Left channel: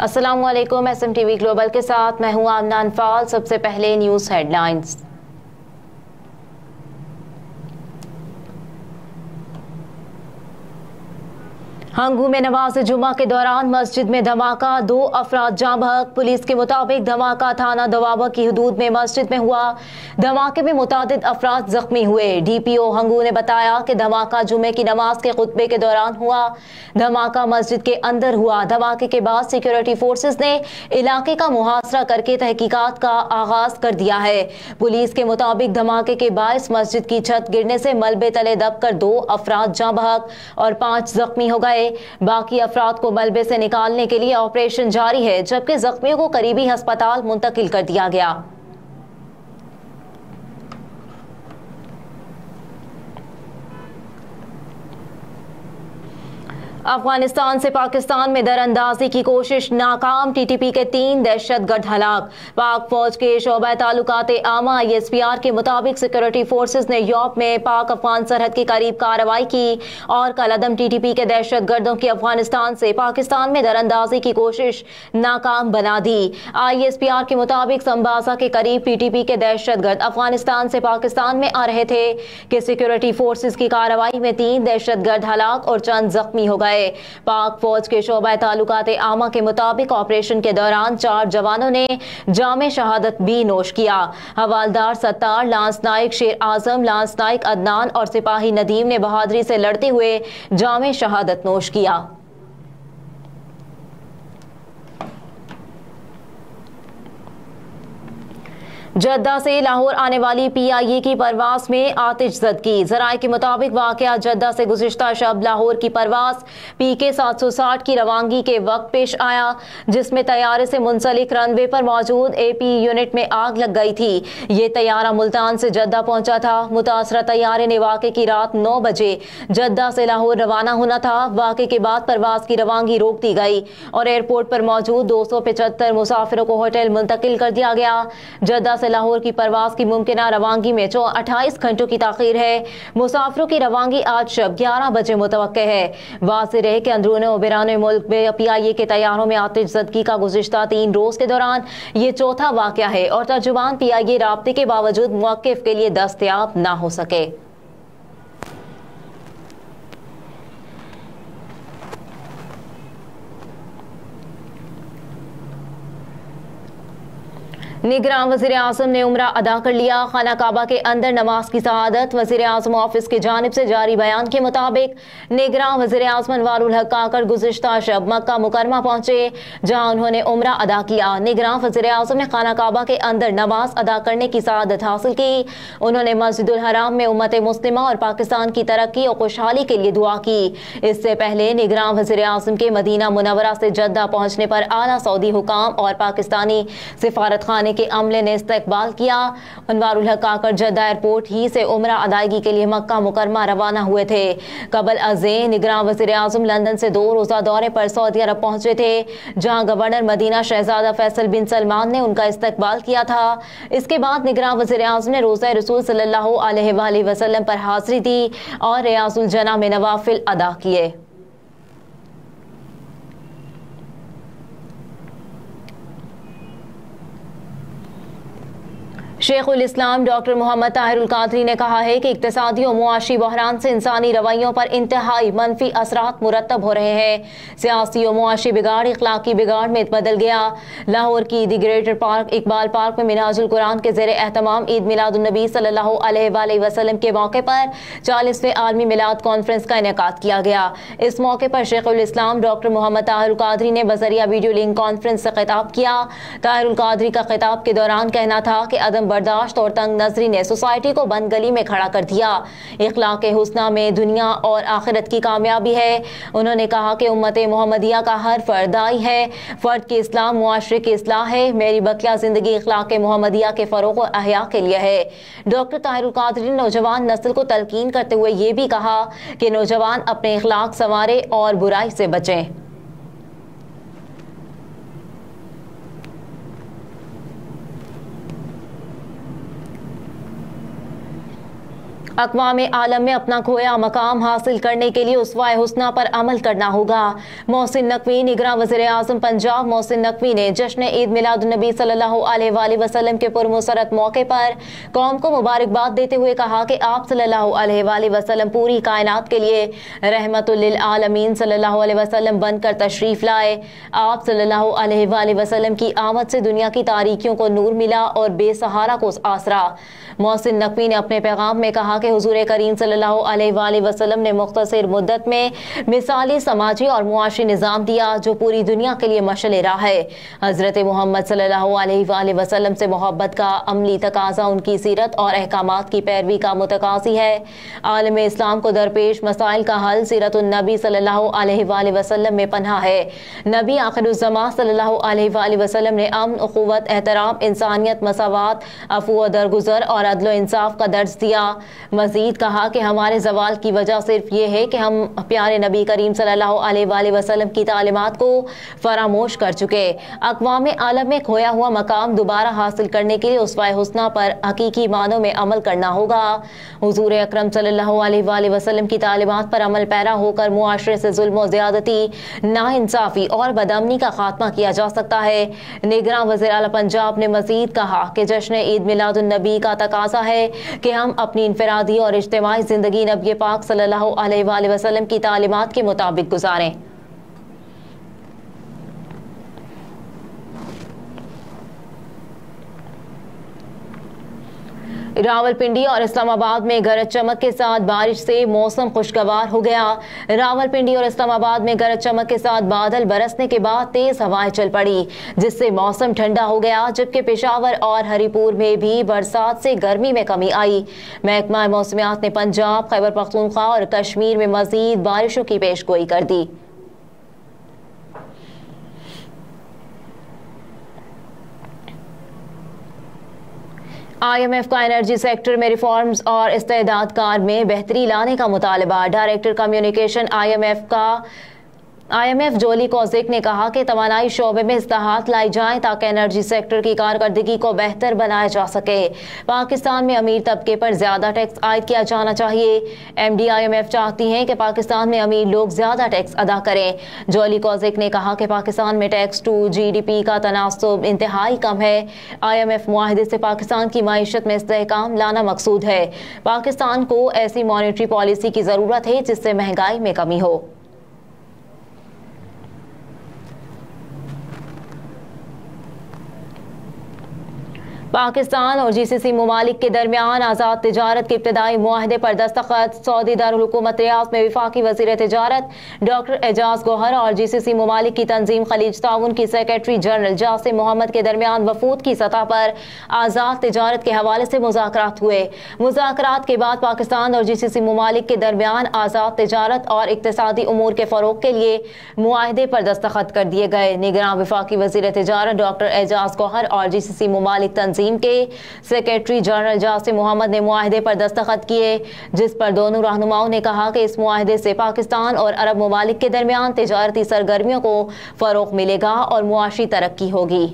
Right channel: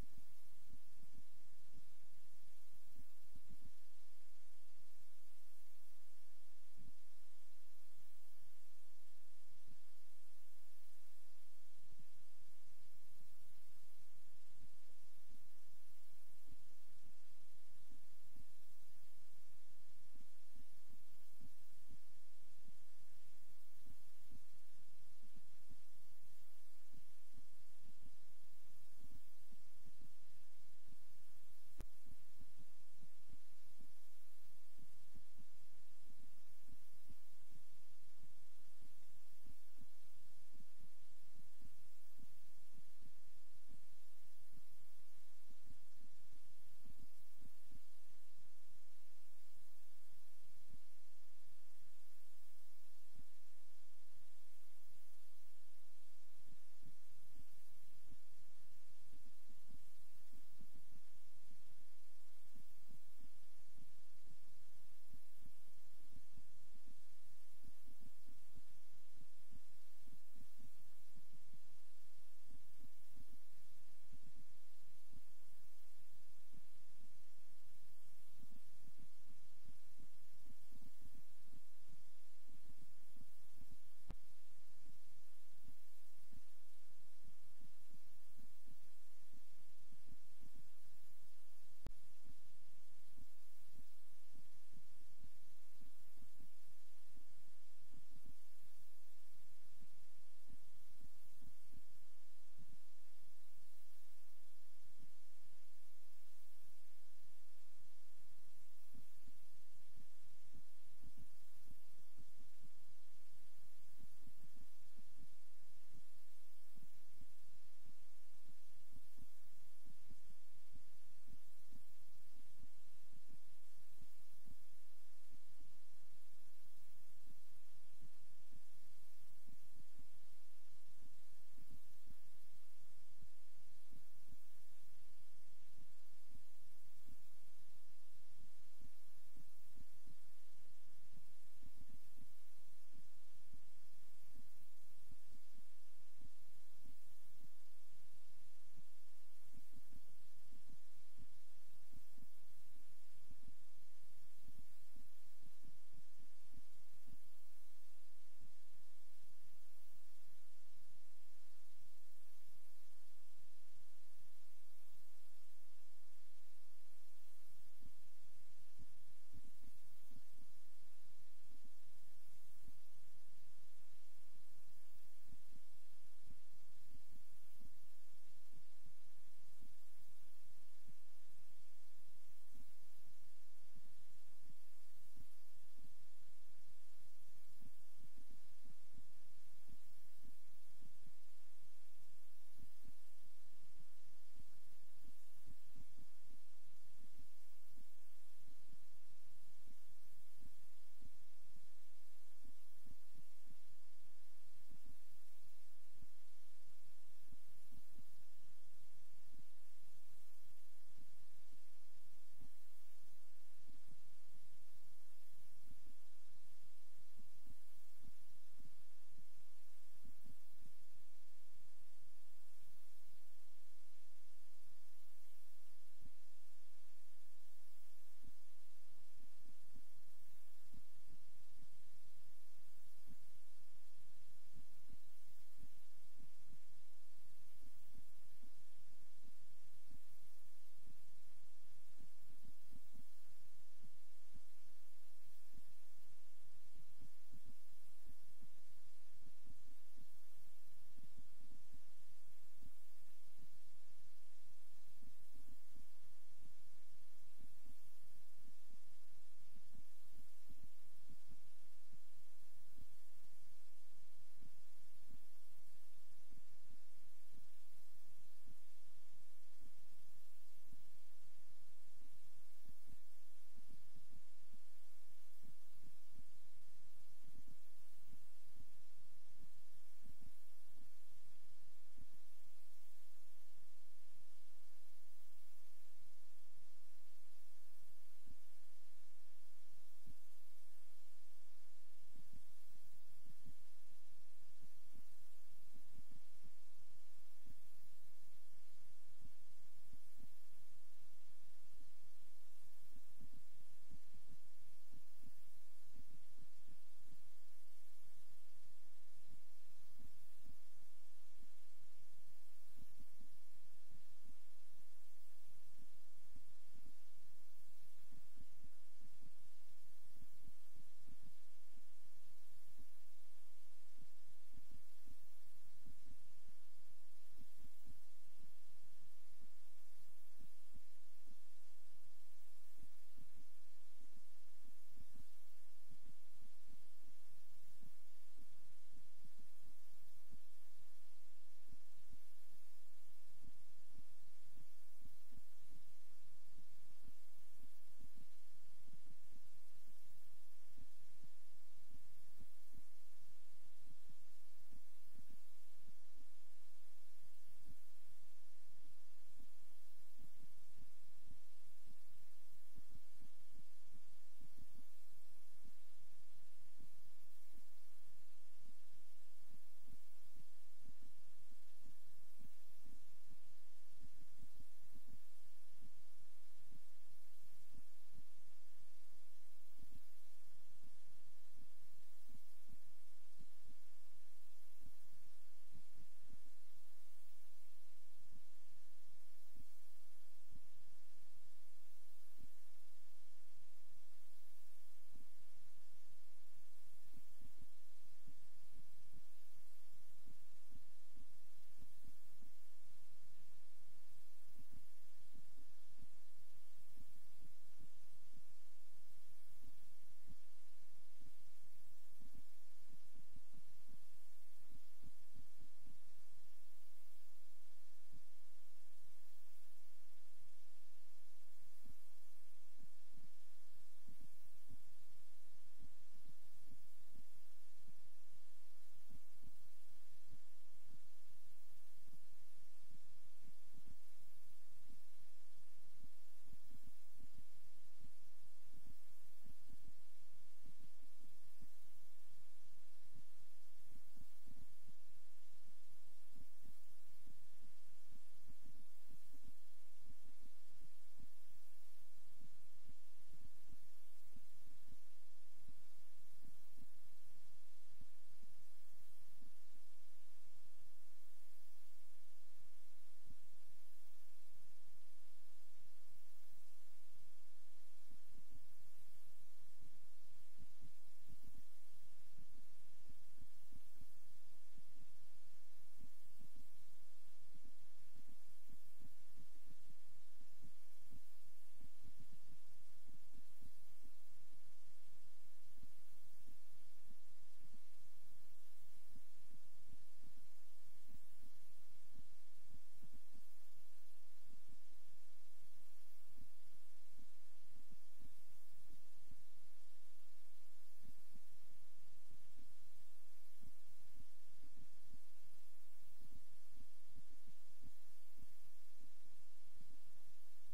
अस्सलाम वालेकुम। SMTV global के साथ मैं हूं आमना अनफाल। सबसे पहले न्यूज़ हेडलाइंस। हंगू में नमाज जुमा के दौरान मस्जिद में धमाका, 2 अफराद जाँ बहक। पुलिस के मुताबिक धमाका थाना दवाबा की हदूद में मस्जिद में हुआ। धमाके में मुतादिद अफराद जख्मी हुए। DPO हंगू ने बताया कि धमाका जुमे की नमाज के खुतबे के दौरान हुआ। धमाका मस्जिद के अंदर हुआ। धमाके के बाद सिक्योरिटी फोर्सेस ने इलाके का मुहासरा करके तहकीकात का आगाज कर दिया है। पुलिस के मुताबिक धमाके के बायस मस्जिद की छत गिरने से मलबे तले दबकर 2 अफराद जाँ बहक और 5 जख्मी हो गए। बाकी अफराद को मलबे से निकालने के लिए ऑपरेशन जारी है, जबकि जख्मियों को करीबी अस्पताल मुंतकिल कर दिया गया। अफगानिस्तान से पाकिस्तान में दरअंदाजी की कोशिश नाकाम। TTP के 3 दहशतगर्द हलाक। पाक फौज के शोबा ताल्लुकात आमा ISPR के मुताबिक सिक्योरिटी फोर्सेस ने यूरोप में पाक अफगान सरहद के करीब कार्रवाई की और कलअदम TTP के दहशतगर्दों की अफगानिस्तान से पाकिस्तान में दरअंदाजी की कोशिश नाकाम बना दी। ISPR के मुताबिक संबासा के करीब TTP के दहशतगर्द अफगानिस्तान से पाकिस्तान में आ रहे थे कि सिक्योरिटी फोर्सेस की कार्रवाई में 3 दहशतगर्द हलाक और चंद जख्मी हो गए। पाक फौज के शोबा ताल्लुकात आमा के मुताबिक ऑपरेशन के दौरान 4 जवानों ने जामे शहादत भी नोश किया। हवालदार सत्तार, लांस नाइक शेर आजम, लांस नाइक अदनान और सिपाही नदीम ने बहादुरी से लड़ते हुए जामे शहादत नोश किया। जद्दा से लाहौर आने वाली PIA की परवास में आतिशज़दगी। ज़राए के मुताबिक वाक़या जद्दा से गुज़िश्ता शब लाहौर की परवास PK 760 की रवानगी के वक्त पेश आया, जिसमें तैयारे से मुंसलिक रनवे पर मौजूद AP यूनिट में आग लग गई थी। ये तैयारा मुल्तान से जद्दा पहुंचा था। मुतासरा तैयारे ने वाक़े की रात 9 बजे जद्दा से लाहौर रवाना होना था। वाक़े के बाद परवास की रवानगी रोक दी गई और एयरपोर्ट पर मौजूद 275 मुसाफिरों को होटल मुंतकिल कर दिया गया। जद्दा से लाहौर की परवास की मुमकिना रवानगी में 28 घंटों की ताखीर है। मुसाफिरों की रवानगी आज शब 11 बजे मुतवक्के है। वाज़ेह रहे कि अंदरून और बैरून मुल्क में PIA के तैयारों में आतिशज़दगी का गुज़िश्ता 3 रोज़ के दौरान ये चौथा वाक़या है और तर्जुमान PIA राब्ते के बावजूद मुवक्किफ के लिए दस्तयाब ना हो सके। निगरान वज़ीर आज़म ने उम्रा अदा कर लिया। खाना काबा के अंदर नमाज की शहादत। वज़ीर आज़म ऑफिस की जानिब से जारी बयान के मुताबिक निगरान वज़ीर आज़म अनवारुल हक काकड़ गुज़िश्ता शब मक्का मुकरमा पहुंचे, जहां उन्होंने उम्रा अदा किया। निगरान वज़ीर आज़म ने खाना काबा के अंदर नमाज अदा करने की शहादत हासिल की। उन्होंने मस्जिदुल हराम में उम्मत मुस्लिमा और पाकिस्तान की तरक्की और खुशहाली के लिए दुआ की। इससे पहले निगरान वज़ीर आज़म के मदीना मुनव्वरा से जद्दा पहुंचने पर आला सऊदी हुकाम और पाकिस्तानी सिफारत खाने के अमले ने इस्तकबाल किया। अनवारुल हक काकड़ जद्दा एयरपोर्ट ही से उम्रा अदायगी के लिए मक्का मुकरमा रवाना हुए थे। कबल अज़े निगरान वज़ीर आज़म लंदन से 2 रोज़ा दौरे पर सऊदी अरब पहुंचे थे, जहां गवर्नर मदीना शहजादा फैसल बिन सलमान ने उनका इस्तकबाल किया था। इसके बाद निगरान वज़ीर आज़म ने रोज़ा रसूल सल्लल्लाहु अलैहि वसल्लम पर हाज़िरी दी और रियाज़ुल जन्ना में नवाफिल अदा किए। शेखुल इस्लाम डॉक्टर मोहम्मद ताहिरुल कादरी ने कहा है कि इक्तिसादी और मुआशी बहरान से इंसानी रवैयों पर इंतहाई मनफी असरात मुरतब हो रहे हैं। सियासी और मुआशी बिगाड़ इखलाकी बिगाड़ में बदल गया। लाहौर की the greater park Iqbal park में मिनाजुल कुरान के ज़ेरे एहतमाम ईद मिलादुन्नबी सल्लल्लाहु अलैहि वसल्लम के मौके पर 40वें आलमी मिलाद कॉन्फ्रेंस का इनेकाद किया गया। इस मौके पर शेखुल इस्लाम डॉक्टर मोहम्मद ताहिरुल कादरी ने बजरिया वीडियो लिंक कॉन्फ्रेंस से खिताब किया। ताहिरुल कादरी का खिताब के दौरान कहना था कि अदम बर्दाश्त और तंग नजरी ने सोसाइटी को बंद गली में खड़ा कर दिया। इखलाक हुस्ना में दुनिया और आखिरत की कामयाबी है। उन्होंने कहा कि उम्मत मोहम्मदिया का हर फर्द दाई है। फर्द की इस्लाह मुआशरे की इस्लाह है। मेरी बकिया जिंदगी इखलाक मोहम्मदिया के फरोग और अहया के लिए है। डॉक्टर ताहिरुल कादरी ने नौजवान नस्ल को तलकीन करते हुए ये भी कहा कि नौजवान अपने इखलाक संवारे और बुराई से बचें। अक़वाम आलम में अपना खोया मकाम हासिल करने के लिए उसवाए हुस्ना पर अमल करना होगा। मोहसिन नकवी, निगरान वज़ीर आज़म पंजाब मोहसिन नकवी ने जश्न ईद मिलादुन्नबी सल्लल्लाहु अलैहि वसल्लम के पुरमसरत मौके पर कौम को मुबारकबाद देते हुए कहा कि आप सल्लल्लाहु अलैहि वसल्लम पूरी कायनात के लिए रहमतुल लिल आलमीन सल्लल्लाहु अलैहि वसल्लम बनकर तशरीफ लाए। आप सल्लल्लाहु अलैहि वसल्लम की आमद से दुनिया की तारीकियों को नूर मिला और बेसहारा को आसरा। मोहसिन नकवी ने अपने पैगाम में कहा कि हुजूर करीम सल्लल्लाहु अलैहि वसल्लम ने मुख्तसर मुद्दत में मिसाली समाजी और मुआशी निज़ाम दिया जो पूरी दुनिया के लिए मशअल राह है। हज़रत मोहम्मद सल्लल्लाहु अलैहि वसल्लम से मोहब्बत का अमली तकाज़ा उनकी सीरत और अहकामात की पैरवी का मुतकाज़ी है। आलम इस्लाम को दरपेश मसाइल का हल सीरतुन नबी सल्लल्लाहु अलैहि वसल्लम में पन्हा है। नबी आखिरुज़्ज़मां सल्लल्लाहु अलैहि वसल्लम ने अमन, उख़ुव्वत, एहतराम, इंसानियत, मसावात, अफ़ू व दरगुज़र और अदल इंसाफ का दर्ज दिया। मज़ीद कहा कि हमारे ज़वाल की वजह सिर्फ ये है कि हम प्यारे नबी करीम सल्लल्लाहु अलैहि वसल्लम की तालीमात को फरामोश कर चुके। अक़वाम आलम में खोया हुआ मकाम दोबारा हासिल करने के लिए उसवाए हुस्ना पर हकीकी मानों में अमल करना होगा। हुजूर अकरम सल्लल्लाहु अलैहि वसल्लम की तालीमात पर अमल पैरा होकर मुआशरे से जुल्म, ज़्यादती, नाइंसाफ़ी और बदअमनी का खात्मा किया जा सकता है। निगरान वज़ीर आला पंजाब ने मज़ीद कहा कि जश्न ईद मिलादुन्नबी का तकाज़ा है कि हम अपनी इनफरादी और इज्तिमाई ज़िंदगी नबी पाक सल्लल्लाहु अलैहि वसल्लम की तालीमात के मुताबिक गुजारें। रावलपिंडी और इस्लामाबाद में गरज चमक के साथ बारिश से मौसम खुशगवार हो गया। रावलपिंडी और इस्लामाबाद में गरज चमक के साथ बादल बरसने के बाद तेज हवाएं चल पड़ी जिससे मौसम ठंडा हो गया, जबकि पेशावर और हरिपुर में भी बरसात से गर्मी में कमी आई। महकमा मौसमियात ने पंजाब, खैबर पख्तूनख्वा और कश्मीर में मजीद बारिशों की पेशगोई कर दी। IMF का एनर्जी सेक्टर में रिफॉर्म्स और इस्तेदाद कार में बेहतरी लाने का मुतालबा। डायरेक्टर कम्युनिकेशन IMF जोली कोजिक ने कहा कि तवानाई शोबे में इस्लाहात लाई जाएं ताकि एनर्जी सेक्टर की कारकर्दगी को बेहतर बनाया जा सके। पाकिस्तान में अमीर तबके पर ज़्यादा टैक्स आयद किया जाना चाहिए। MD IMF चाहती हैं कि पाकिस्तान में अमीर लोग ज़्यादा टैक्स अदा करें। जोली कोजिक ने कहा कि पाकिस्तान में टैक्स टू GDP का तनासुब इंतहाई कम है। IMF मुआहदे से पाकिस्तान की मईशत में इस्तेहकाम लाना मकसूद है। पाकिस्तान को ऐसी मॉनेटरी पॉलिसी की ज़रूरत है जिससे महंगाई में कमी हो। पाकिस्तान और GCC ममालिक के दरमियान आज़ाद तिजारत के इब्तदाई मुआहदे पर दस्तखत। सऊदी दारुल हुकूमत रियाद में वफाकी वज़ीर तिजारत डॉक्टर एजाज गौहर और GCC ममालिक की तंजीम खलीज ताउन की सेक्रेटरी जनरल जासिम मोहम्मद के दरमियान वफूद की सतह पर आज़ाद तिजारत के हवाले से मुज़ाकरात हुए। मुज़ाकरात के बाद पाकिस्तान और GCC ममालिक के दरमियान आज़ाद तिजारत और इक्तिसादी उमूर के फ़रोग़ के लिए मुआहदे पर दस्तखत कर दिए गए। निगरान वफाकी वज़ीर तिजारत डॉक्टर एजाज गौहर और GCC ममालिक तंजीम के सेक्रेटरी जनरल जासिम मोहम्मद ने मुआहदे पर दस्तखत किए, जिस पर दोनों रहनुमाओं ने कहा कि इस मुआहदे से पाकिस्तान और अरब ममालिक के दरमियान तिजारती सरगर्मियों को फ़रोग़ मिलेगा और मुआशी तरक्की होगी।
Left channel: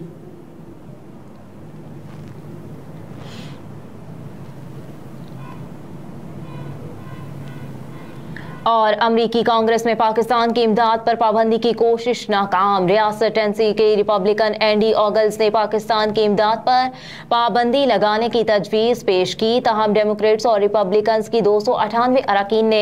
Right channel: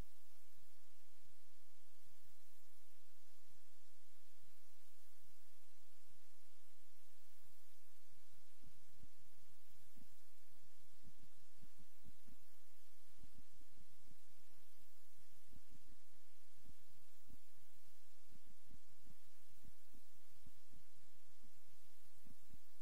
और अमरीकी कांग्रेस में पाकिस्तान की इमदाद पर पाबंदी की कोशिश नाकाम। रियासत टेनेसी के रिपब्लिकन एंडी ऑगल्स ने पाकिस्तान की इमदाद पर पाबंदी लगाने की तजवीज़ पेश की, ताहम डेमोक्रेट्स और रिपब्लिकन्स की 298 अरकान ने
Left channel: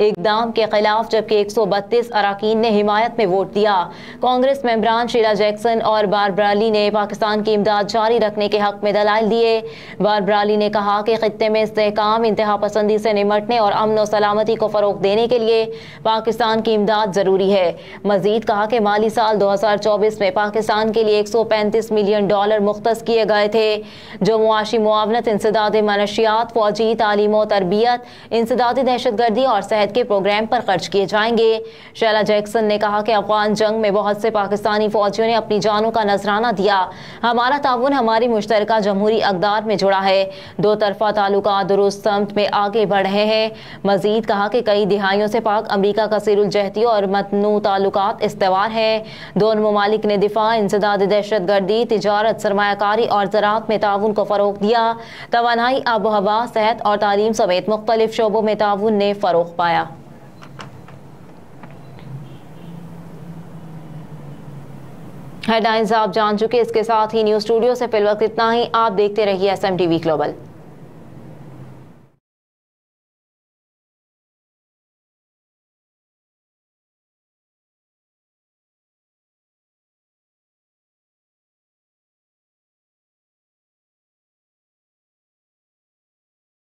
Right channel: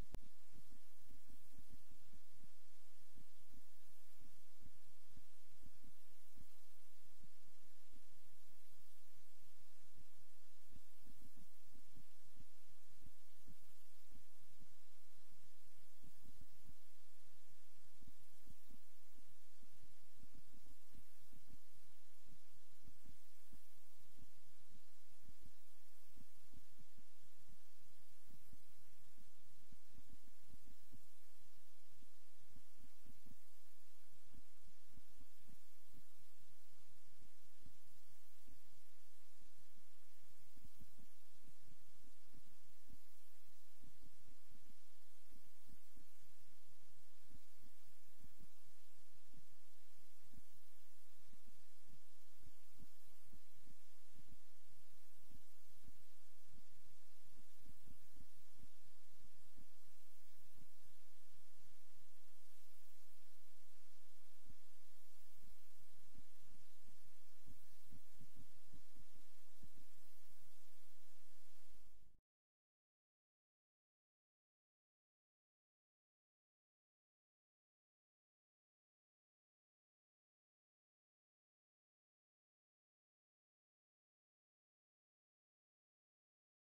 इक़दाम के खिलाफ जबकि 132 अरकान ने हिमायत में वोट दिया। कांग्रेस मेंबरान शीला जैक्सन और बारबरा ली ने पाकिस्तान की इमदाद जारी रखने के हक में दलाइल दिए। बारबरा ली ने कहा कि खित्ते में इस्तेहकाम, इंतहा पसंदी से निमटने और अमन और सलामती को फ़रोग़ देने के लिए पाकिस्तान की इमदाद जरूरी है। मजीद कहा कि माली साल 2024 में पाकिस्तान के लिए $135 मिलियन मुख्तस किए गए थे, जो मुआशी मुआवनत, इंसदाद मनशियात, फौजी तालीम और तरबियत, इंसदादी दहशतगर्दी और सेहत के प्रोग्राम पर खर्च किए जाएंगे। शीला जैक्सन ने कहा कि अफगान जंग में बहुत से पाकिस्तानी फौजियों ने अपनी जानों का नजराना दिया। हमारा ताउन हमारी मुश्तरका जमहूरी अक़दार में जुड़ा है। दो तरफा ताल्लुकात दुरुस्त समत में आगे बढ़ रहे हैं। मजीद कहा कि कई दिहाई दहाइयों से पाक अमरीका कसीरुल जहती और मतनू ताल्लुकात इस्तेवार हैं। दोनों ममालिक ने दिफा, इंसदाद दहशतगर्दी, तिजारत, सरमायाकारी और ज़राअत में ताउन को फ़रोग़ दिया। तवानाई, आबो हवा, सेहत और तालीम समेत मुख्तलिफ शोबों में ताउन ने फ़रोग़ पाया। हेडलाइंस आप जान चुके। इसके साथ ही न्यूज़ स्टूडियो से फिलवक्त इतना ही। आप देखते रहिए SMTV ग्लोबल।